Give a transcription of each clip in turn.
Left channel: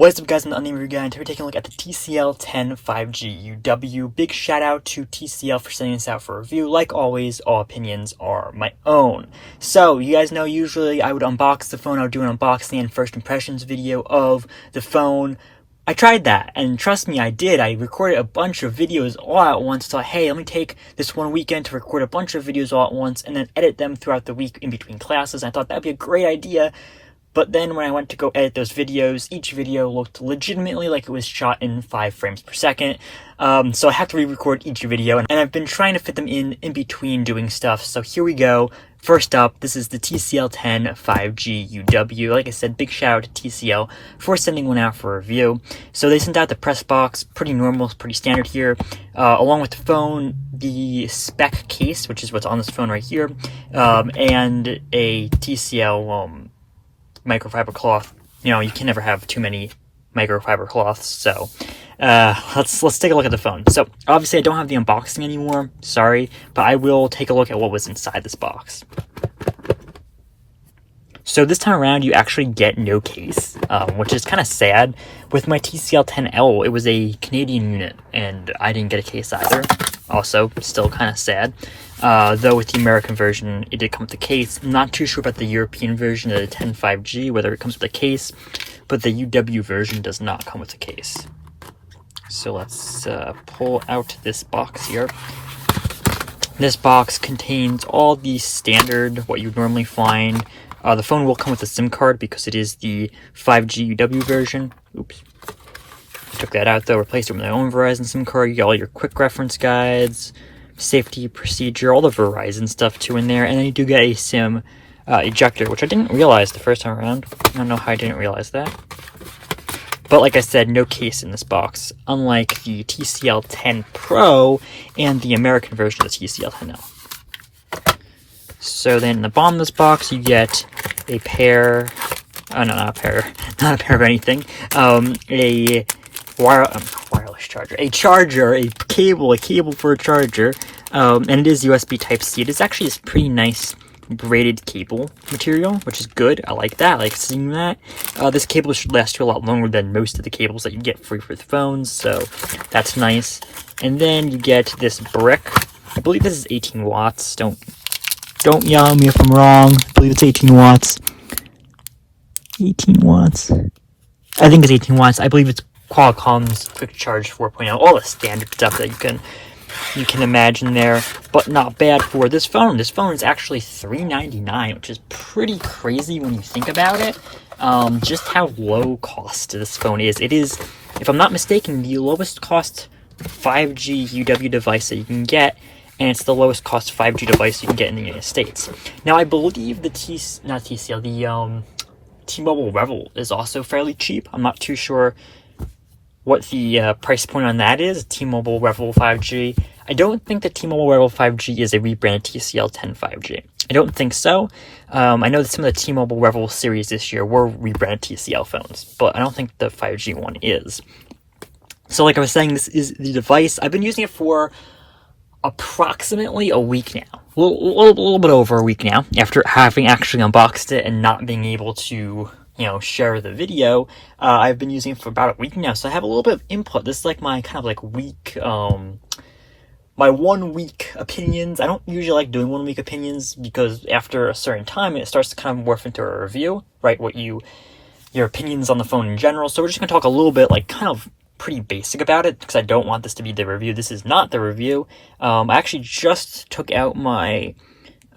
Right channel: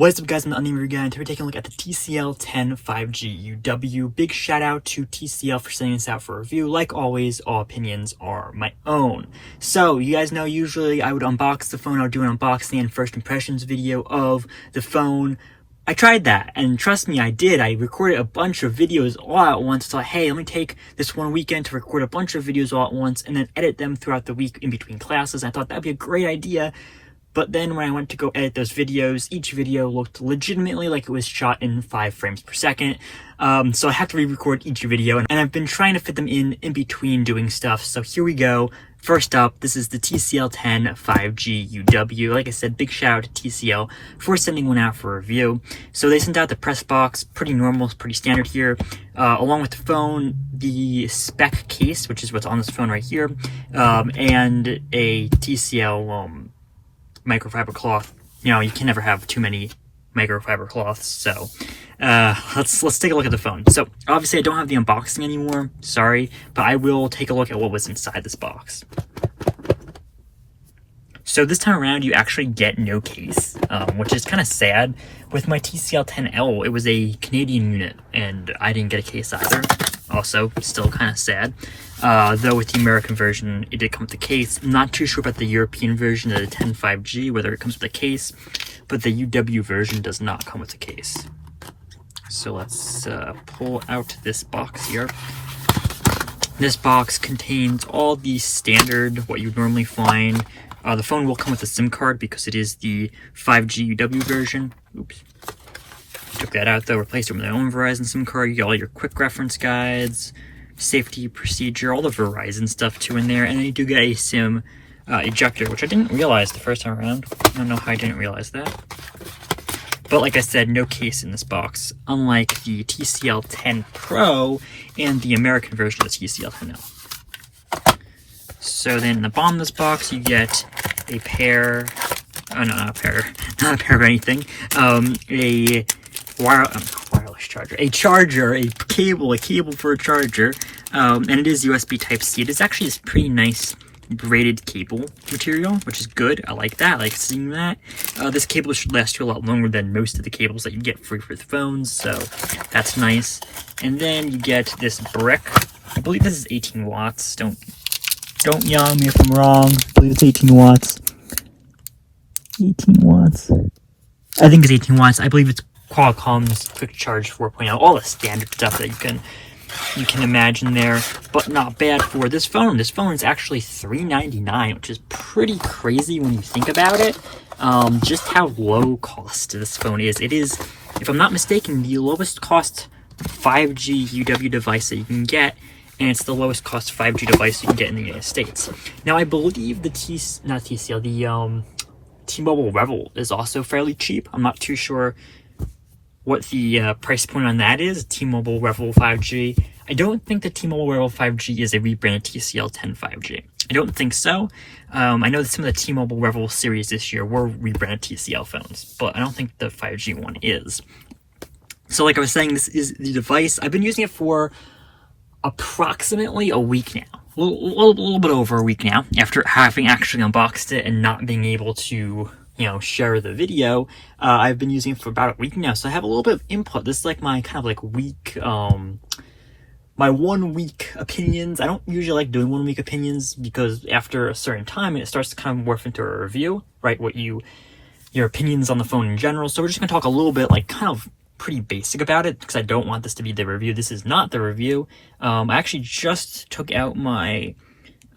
What's up, guys? I'm the Unnamed Review Guy, and today we're taking a look at the TCL 10 5G UW. Big shout out to TCL for sending this out for review. Like always, all opinions are my own. So, you guys know usually I would unbox the phone. I would do an unboxing and first impressions video of the phone. I tried that, and trust me, I did. I recorded a bunch of videos all at once. Thought, hey, let me take this one weekend to record a bunch of videos all at once and then edit them throughout the week in between classes. I thought that'd be a great idea. But then when I went to go edit those videos, each video looked legitimately like it was shot in 5 frames per second. So I have to re-record each video, and I've been trying to fit them in between doing stuff. So here we go. First up, this is the TCL 10 5G UW. Like I said, big shout out to TCL for sending one out for review. So they sent out the press box, pretty normal, pretty standard here. Along with the phone, the spec case, which is what's on this phone right here, and a TCL microfiber cloth. You know, you can never have too many microfiber cloths. So let's take a look at the phone. So obviously I don't have the unboxing anymore, sorry, but I will take a look at what was inside this box. So this time around you actually get no case, which is kind of sad. With my TCL 10L, it was a Canadian unit and I didn't get a case either. Also, still kind of sad. Though with the American version, it did come with a case. I'm not too sure about the European version of the 10 5G, whether it comes with a case, but the UW version does not come with a case. So let's pull out this box here. This box contains all the standard, what you'd normally find. The phone will come with a SIM card because it is the 5G UW version. Oops. Took that out though, replaced it with my own Verizon SIM card. You got all your quick reference guides, safety procedure, all the Verizon stuff too in there. And then you do get a SIM ejector, which I didn't realize the first time around. I don't know how I didn't realize that. But like I said, no case in this box, unlike the TCL 10 Pro and the American version of the TCL 10L. So then in the bottom of this box, you get a pair, not a pair of anything, a wireless charger, a cable for a charger, and it is USB Type-C. It is actually this pretty nice braided cable material, which is good. I like that. I like seeing that. This cable should last you a lot longer than most of the cables that you get free for the phones, so that's nice. And then you get this brick. I believe this is 18 watts. Don't yell me if I'm wrong. I believe it's 18 watts. 18 watts. I think it's 18 watts. I believe it's Qualcomm's Quick Charge 4.0. All the standard stuff that you can imagine there, but not bad for this phone. This phone is actually $399, which is pretty crazy when you think about it. Just how low cost this phone is. It is, if I'm not mistaken, the lowest cost 5G UW device that you can get, and it's the lowest cost 5G device you can get in the United States. Now, I believe the T-Mobile Revel is also fairly cheap. I'm not too sure what the price point on that is, T-Mobile Revel 5G. I don't think the T-Mobile Revel 5G is a rebranded TCL 10 5G. I don't think so. I know that some of the T-Mobile Revel series this year were rebranded TCL phones, but I don't think the 5G one is. So like I was saying, this is the device. I've been using it for approximately a week now. A little bit over a week now, after having actually unboxed it and not being able to share the video. I've been using it for about a week now, so I have a little bit of input. This is like my kind of like week, my 1 week opinions. I don't usually like doing 1 week opinions because after a certain time it starts to kind of morph into a review, right? Your opinions on the phone in general. So we're just gonna talk a little bit, like kind of pretty basic about it, because I don't want this to be the review. This is not the review. I actually just took out my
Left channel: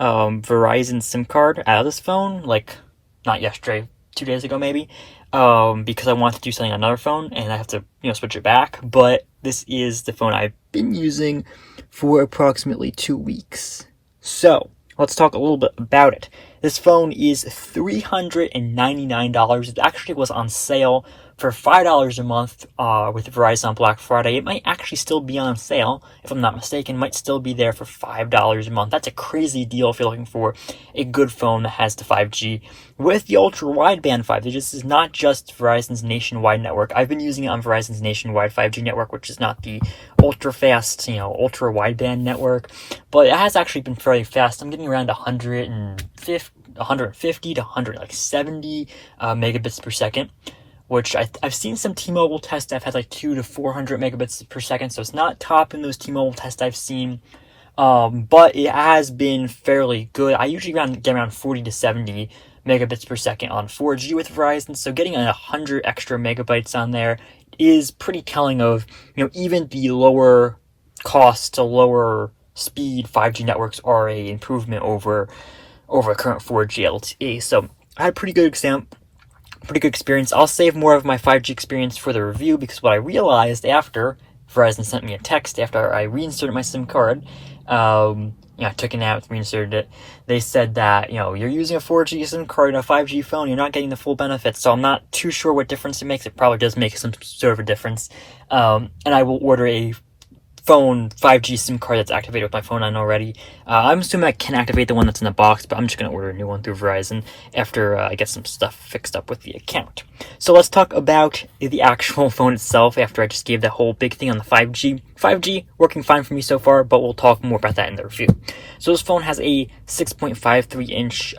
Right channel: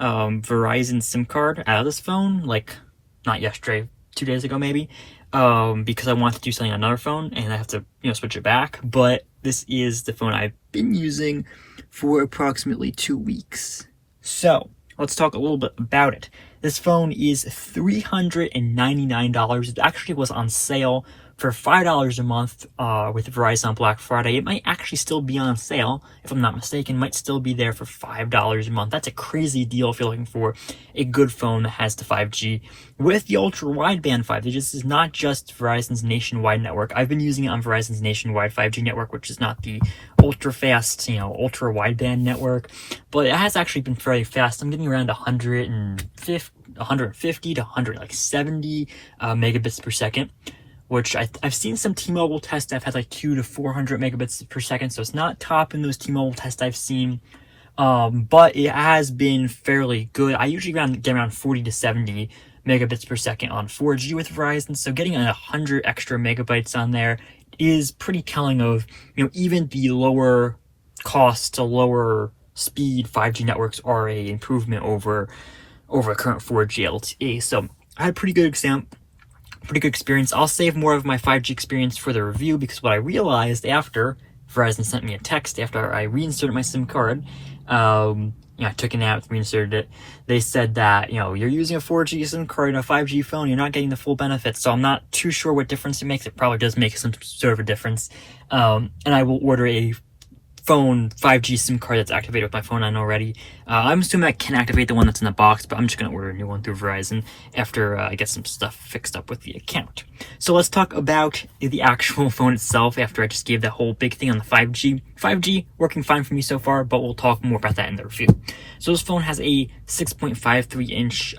Verizon SIM card out of this phone, like not yesterday, 2 days ago maybe, because I wanted to do something on another phone and I have to switch it back. But this is the phone I've been using for approximately 2 weeks. So let's talk a little bit about it. This phone is $399. It actually was on sale for $5 a month with Verizon on Black Friday. It might actually still be on sale, if I'm not mistaken. It might still be there for $5 a month. That's a crazy deal if you're looking for a good phone that has the 5G with the ultra-wideband 5G. This is not just Verizon's nationwide network. I've been using it on Verizon's nationwide 5G network, which is not the ultra-fast, ultra-wideband network, but it has actually been fairly fast. I'm getting around 150 to 170 megabits per second. which I've seen some T-Mobile tests that have had like 200 to 400 megabits per second, so it's not top in those T-Mobile tests I've seen. But it has been fairly good. I usually get around 40 to 70 megabits per second on 4G with Verizon, so getting 100 extra megabytes on there is pretty telling of, even the lower cost to lower speed 5G networks are a improvement over current 4G LTE. So I had pretty good experience. I'll save more of my 5G experience for the review, because what I realized after Verizon sent me a text after I reinserted my SIM card, I took it out, reinserted it. They said that, you're using a 4G SIM card in a 5G phone, you're not getting the full benefits. So I'm not too sure what difference it makes. It probably does make some sort of a difference. And I will order a phone 5G SIM card that's activated with my phone on already. I'm assuming I can activate the one that's in the box, but I'm just going to order a new one through Verizon after I get some stuff fixed up with the account. So let's talk about the actual phone itself after I just gave that whole big thing on the 5G. 5G working fine for me so far, but we'll talk more about that in the review. So this phone has a 6.53-inch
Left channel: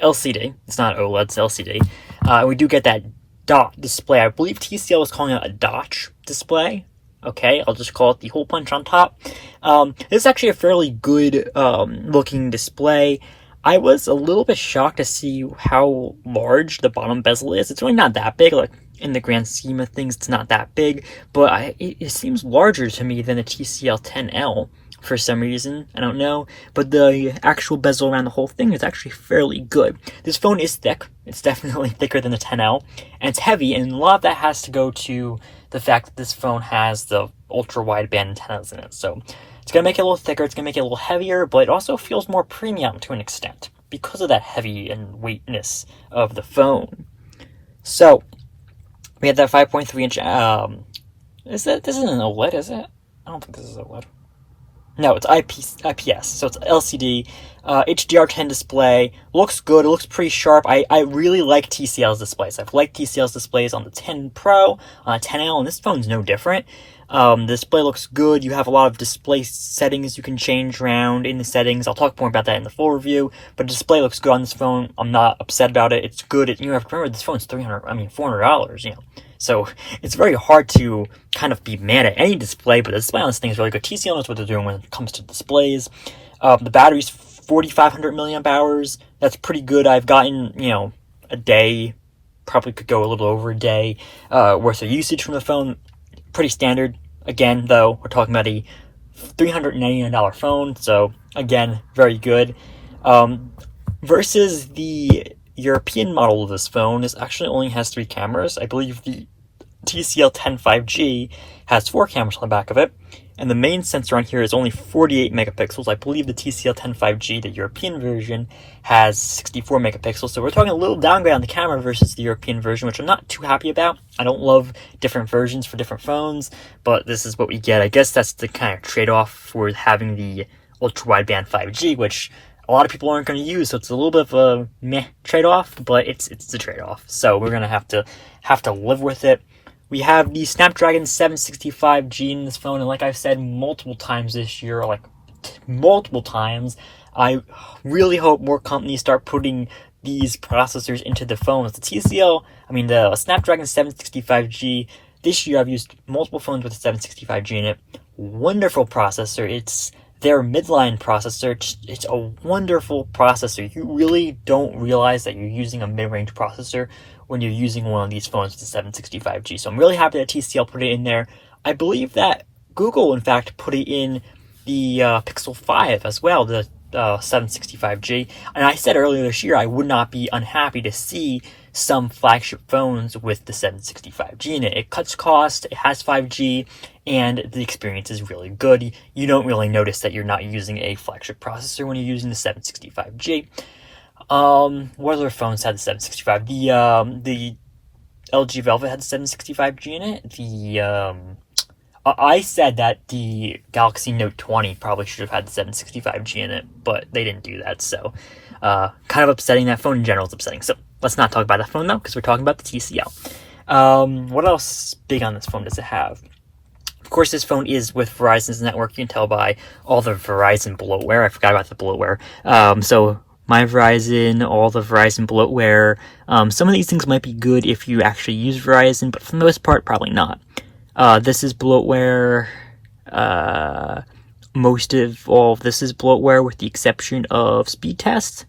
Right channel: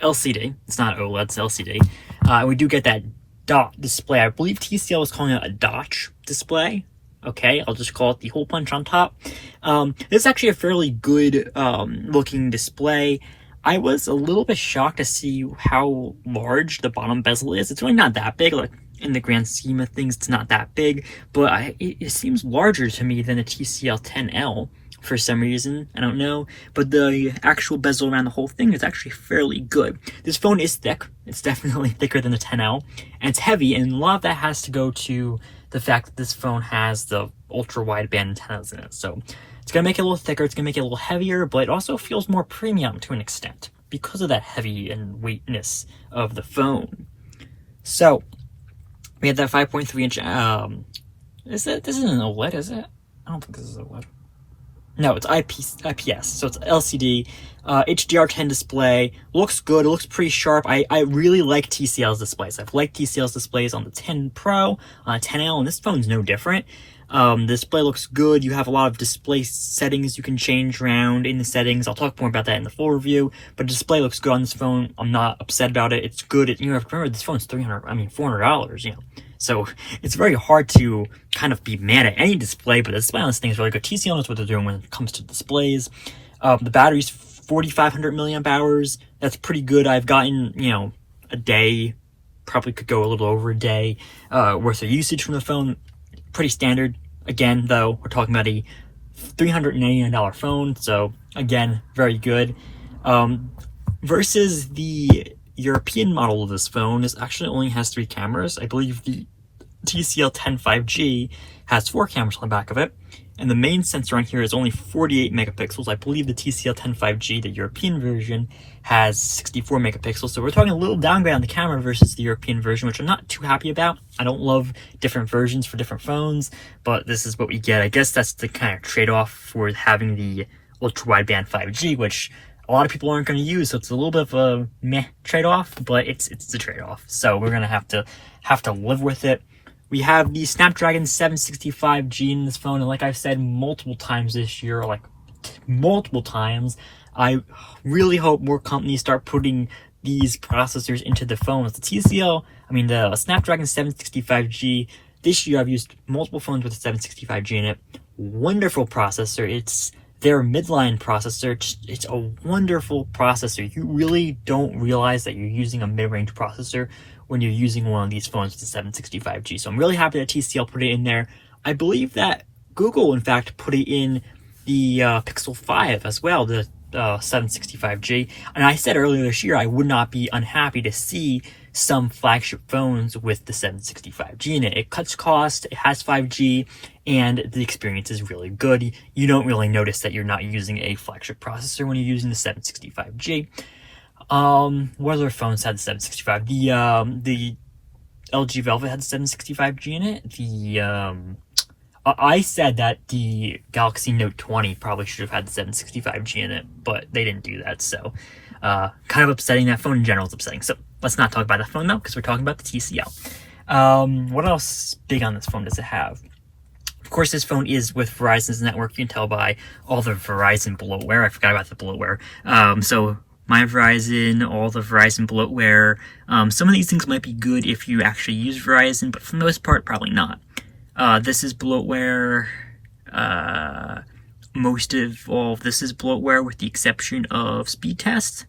LCD. It's not OLED, it's LCD. We do get that dot display. I believe TCL was calling it a Dotch display. Okay, I'll just call it the hole punch on top. This is actually a fairly good looking display. I was a little bit shocked to see how large the bottom bezel is. It's really not that big, like in the grand scheme of things, it's not that big, but it seems larger to me than the TCL 10L for some reason. I don't know, but the actual bezel around the whole thing is actually fairly good. This phone is thick. It's definitely thicker than the 10L, and it's heavy, and a lot of that has to go to the fact that this phone has the ultra-wideband antennas in it. So it's going to make it a little thicker, it's going to make it a little heavier, but it also feels more premium to an extent because of that heavy and weightness of the phone. So we have that 5.3-inch, this isn't an OLED, is it? I don't think this is OLED. No, it's IPS, so it's LCD, HDR10 display, looks good, it looks pretty sharp. I really like TCL's displays. I've liked TCL's displays on the 10 Pro, on the 10L, and this phone's no different. The display looks good. You have a lot of display settings you can change around in the settings. I'll talk more about that in the full review, but the display looks good on this phone. I'm not upset about it. It's good. You have to remember, this phone's $400, So it's very hard to kind of be mad at any display, but the display on this thing is really good. TCL knows what they're doing when it comes to displays. The battery's 4,500 milliamp hours. That's pretty good. I've gotten, a day, probably could go a little over a day, worth of usage from the phone. Pretty standard. Again, though, we're talking about a $399 phone, so again, very good. Versus the European model of this phone, this actually only has 3 cameras. I believe the TCL 10 5G has 4 cameras on the back of it, and the main sensor on here is only 48 megapixels. I believe the TCL 10 5G, the European version, has 64 megapixels, so we're talking a little downgrade on the camera versus the European version, which I'm not too happy about. I don't love different versions for different phones, but this is what we get. I guess that's the kind of trade-off for having the ultra-wideband 5G, which a lot of people aren't going to use, so it's a little bit of a meh trade-off, but it's the trade-off. So we're going to have to live with it. We have the Snapdragon 765G in this phone, and like I've said multiple times this year, multiple times, I really hope more companies start putting these processors into the phones. The Snapdragon 765G, this year I've used multiple phones with the 765G in it. Wonderful processor. It's their midline processor. It's a wonderful processor. You really don't realize that you're using a mid-range processor when you're using one of these phones with the 765G. So I'm really happy that TCL put it in there. I believe that Google, in fact, put it in the Pixel 5 as well, the 765G. And I said earlier this year I would not be unhappy to see some flagship phones with the 765G in it. It cuts cost, it has 5G, and the experience is really good. You don't really notice that you're not using a flagship processor when you're using the 765G. What other phones had the 765? The LG Velvet had the 765G in it. I said that the Galaxy Note 20 probably should have had the 765G in it, but they didn't do that, so kind of upsetting. That phone in general is upsetting. So let's not talk about that phone though, because we're talking about the TCL. What else big on this phone does it have? Of course, this phone is with Verizon's network. You can tell by all the Verizon bloatware. I forgot about the bloatware. So My Verizon, all the Verizon bloatware. Some of these things might be good if you actually use Verizon, but for the most part, probably not. This is bloatware. Most of all of this is bloatware with the exception of speed test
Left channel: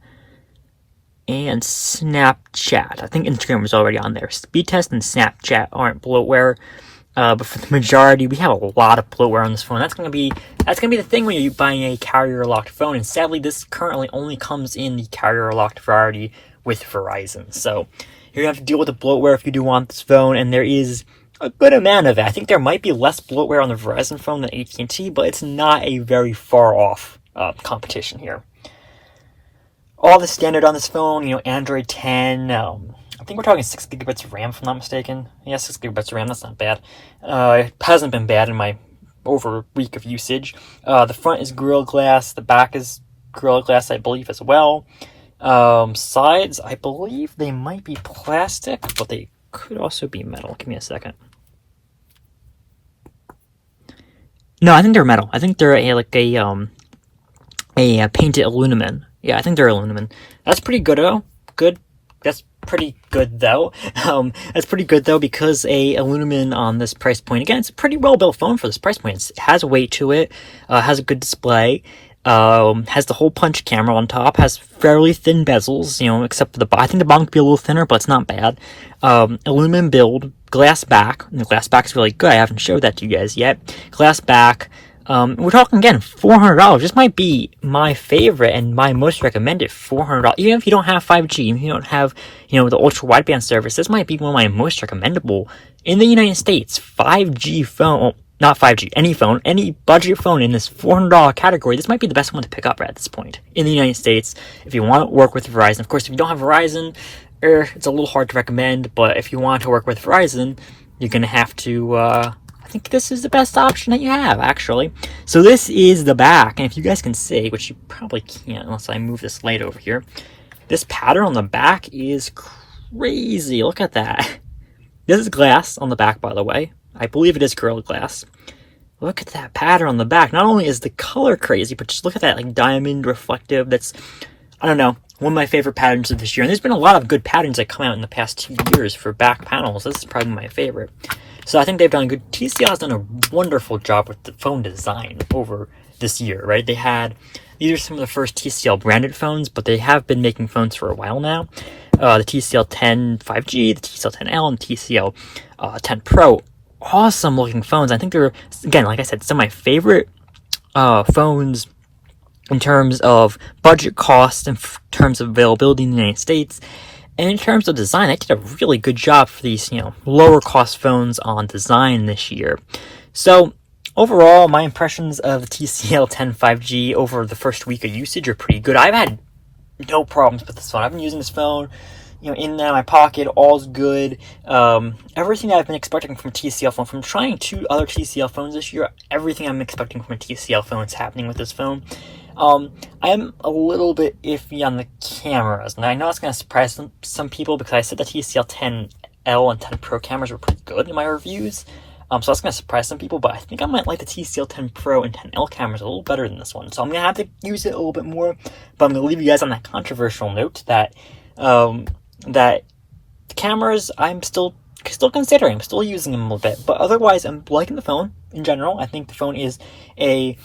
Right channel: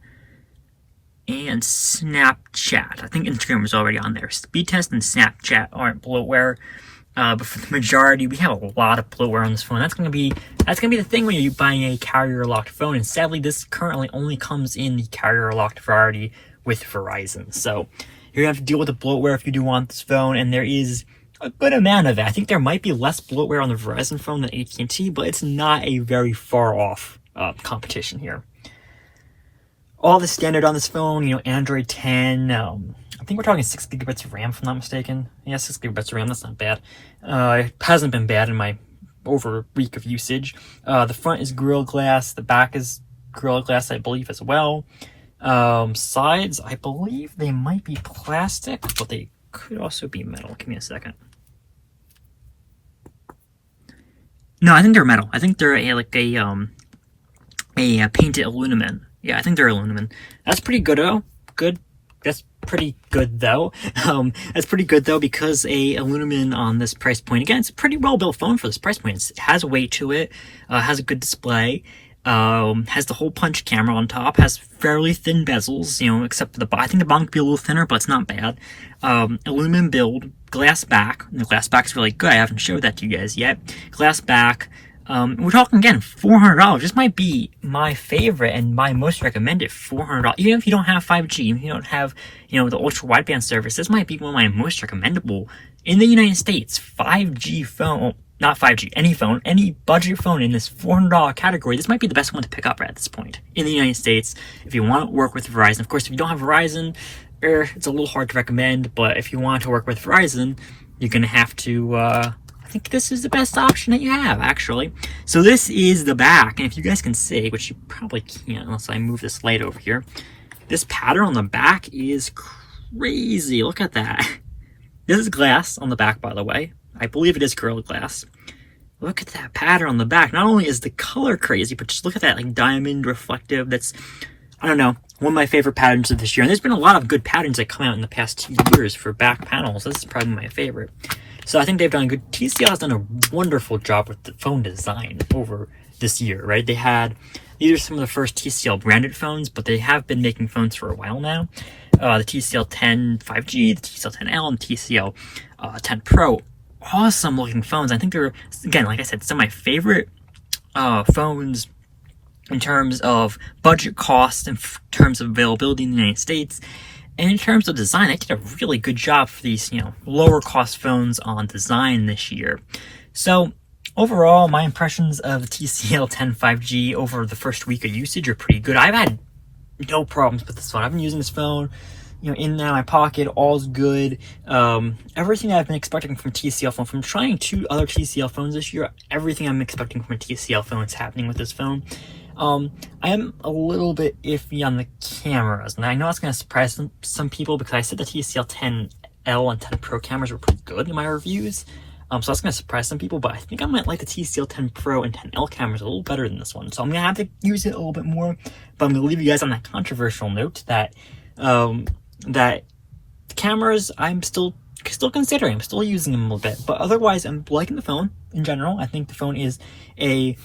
and Snapchat. I think Instagram was already on there. Speed test and Snapchat aren't bloatware. But for the majority, we have a lot of bloatware on this phone. That's gonna be the thing when you're buying a carrier-locked phone. And sadly, this currently only comes in the carrier-locked variety with Verizon. So you're gonna have to deal with the bloatware if you do want this phone. And there is a good amount of it. I think there might be less bloatware on the Verizon phone than AT&T, but it's not a very far off competition here. All the standard on this phone, Android 10. I think we're talking 6 gigabytes of RAM, if I'm not mistaken. Yeah, 6 gigabytes of RAM, that's not bad. It hasn't been bad in my over a week of usage. The front is Gorilla Glass, the back is Gorilla Glass, I believe, as well. Sides, I believe they might be plastic, but they could also be metal. Give me a second. No, I think they're metal. I think they're a painted aluminum. Yeah, I think they're aluminum. That's pretty good, though. That's pretty good though. Because a aluminum on this price point. Again, it's a pretty well built phone for this price point. It has weight to it. Has a good display. Has the hole punch camera on top. Has fairly thin bezels. Except for the bottom. I think the bottom could be a little thinner, but it's not bad. Aluminum build. Glass back. And the glass back's really good. I haven't showed that to you guys yet. Glass back. We're talking again, $400. This might be my favorite and my most recommended $400. Even if you don't have 5G, even if you don't have, the ultra wideband service, this might be one of my most recommendable in the United States. 5G phone, well, not 5G, any phone, any budget phone in this $400 category. This might be the best one to pick up at this point in the United States. If you want to work with Verizon, of course, if you don't have Verizon, it's a little hard to recommend. But if you want to work with Verizon, you're gonna have to. I think this is the best option that you have, actually. So this is the back, and if you guys can see, which you probably can't unless I move this light over here, this pattern on the back is crazy. Look at that. This is glass on the back, by the way. I believe it is Gorilla Glass. Look at that pattern on the back. Not only is the color crazy, but just look at that diamond reflective. That's, I don't know, one of my favorite patterns of this year. And there's been a lot of good patterns that come out in the past 2 years for back panels. This is probably my favorite. So I think they've done good. TCL has done a wonderful job with the phone design over this year, right? These are some of the first TCL branded phones, but they have been making phones for a while now. The TCL 10 5G, the TCL 10L, and TCL 10 Pro. Awesome looking phones. I think they're, again, like I said, some of my favorite phones in terms of budget cost, in terms of availability in the United States. And in terms of design, they did a really good job for these, lower cost phones on design this year. So overall, my impressions of the TCL 10 5G over the first week of usage are pretty good. I've had no problems with this phone. I've been using this phone, in and out of my pocket, all's good. Everything I've been expecting from a TCL phone, from trying 2 other TCL phones this year, everything I'm expecting from a TCL phone is happening with this phone. I am a little bit iffy on the cameras, and I know it's going to surprise some people because I said the TCL 10L and 10 Pro cameras were pretty good in my reviews. So that's going to surprise some people, but I think I might like the TCL 10 Pro and 10L cameras a little better than this one. So I'm going to have to use it a little bit more, but I'm going to leave you guys on that controversial note that that the cameras I'm still considering. I'm still using them a little bit, but otherwise I'm liking the phone in general. I think the phone is a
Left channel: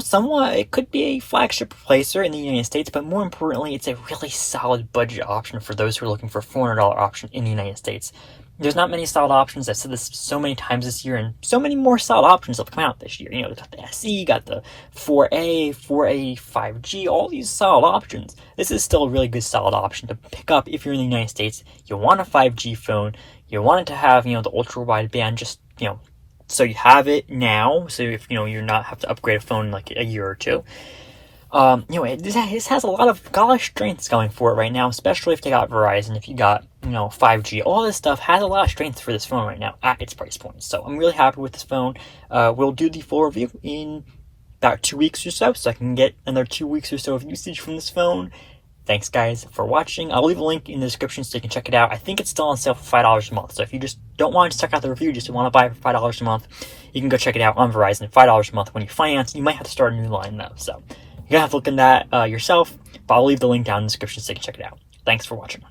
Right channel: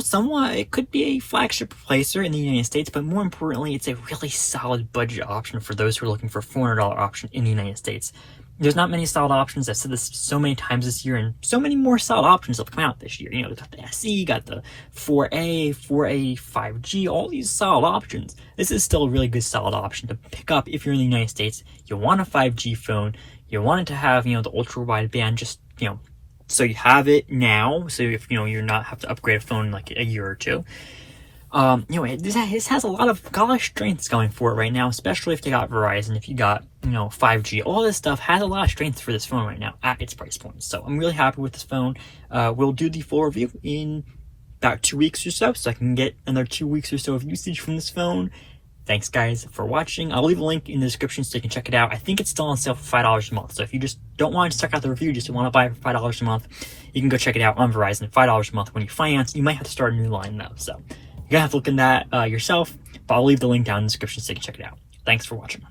somewhat, it could be a flagship replacer in the United States, but more importantly, it's a really solid budget option for those who are looking for a $400 option in the United States. There's not many solid options. I've said this so many times this year, and so many more solid options have come out this year. They got the SE, got the 4A, 5G, all these solid options. This is still a really good solid option to pick up if you're in the United States. You want a 5G phone, you want it to have, the ultra wideband, just, so you have it now, so if, you're not have to upgrade a phone like a year or two. This has a lot of strengths going for it right now, especially if they got Verizon, if you got, 5G. All this stuff has a lot of strengths for this phone right now at its price point. So I'm really happy with this phone. We'll do the full review in about 2 weeks or so I can get another 2 weeks or so of usage from this phone. Thanks, guys, for watching. I'll leave a link in the description so you can check it out. I think it's still on sale for $5 a month. So if you just don't want to check out the review, just want to buy it for $5 a month, you can go check it out on Verizon. $5 a month when you finance. You might have to start a new line, though. So You gotta have to look into that yourself, but I'll leave the link down in the description so you can check it out. Thanks for watching.